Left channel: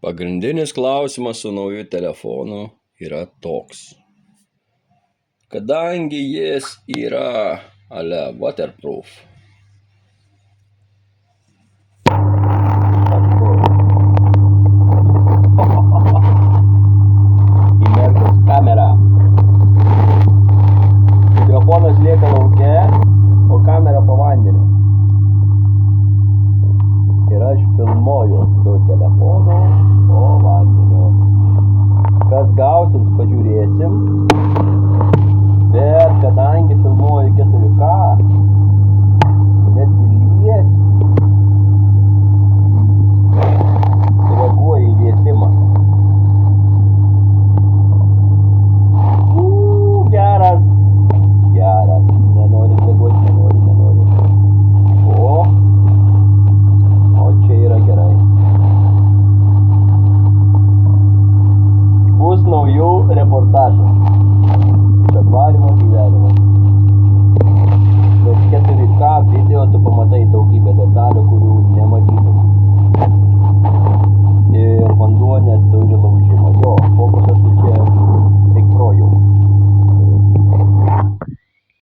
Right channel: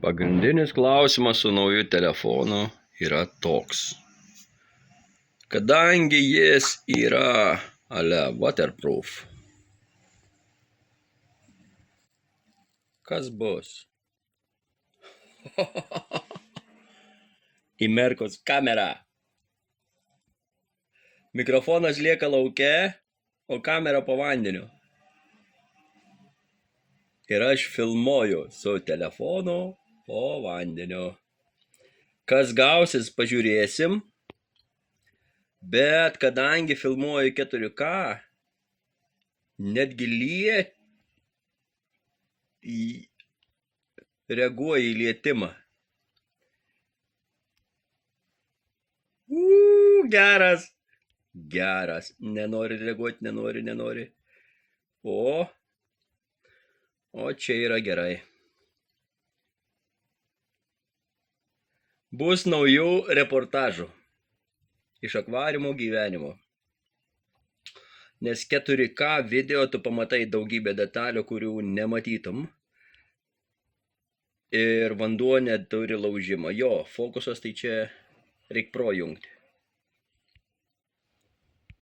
Pagrindinis klausimas su nauju telefonu yra toks. Kadangi jis yra waterproof, kas bus? Įmerkus kamerą. Mikrofonas lieka lauke, o kamera po vandeniu. Ir aš filmuoju su telefonu po vandeniu. Kas gausis, pažiūrėsim. Bet kadangi filmuoju 4K, netgi reaguoja į lietimą. Geras. Nenori reaguoti, nenori. O čia yra gerai. Bus naujų reportažų iš akvariumo gyvenimo. Nes 4K video tu pamatai daugybę detalių, kurių nematytum. Ir vanduo neturi laužimo. Jo, fokusas tai čia reik projungti.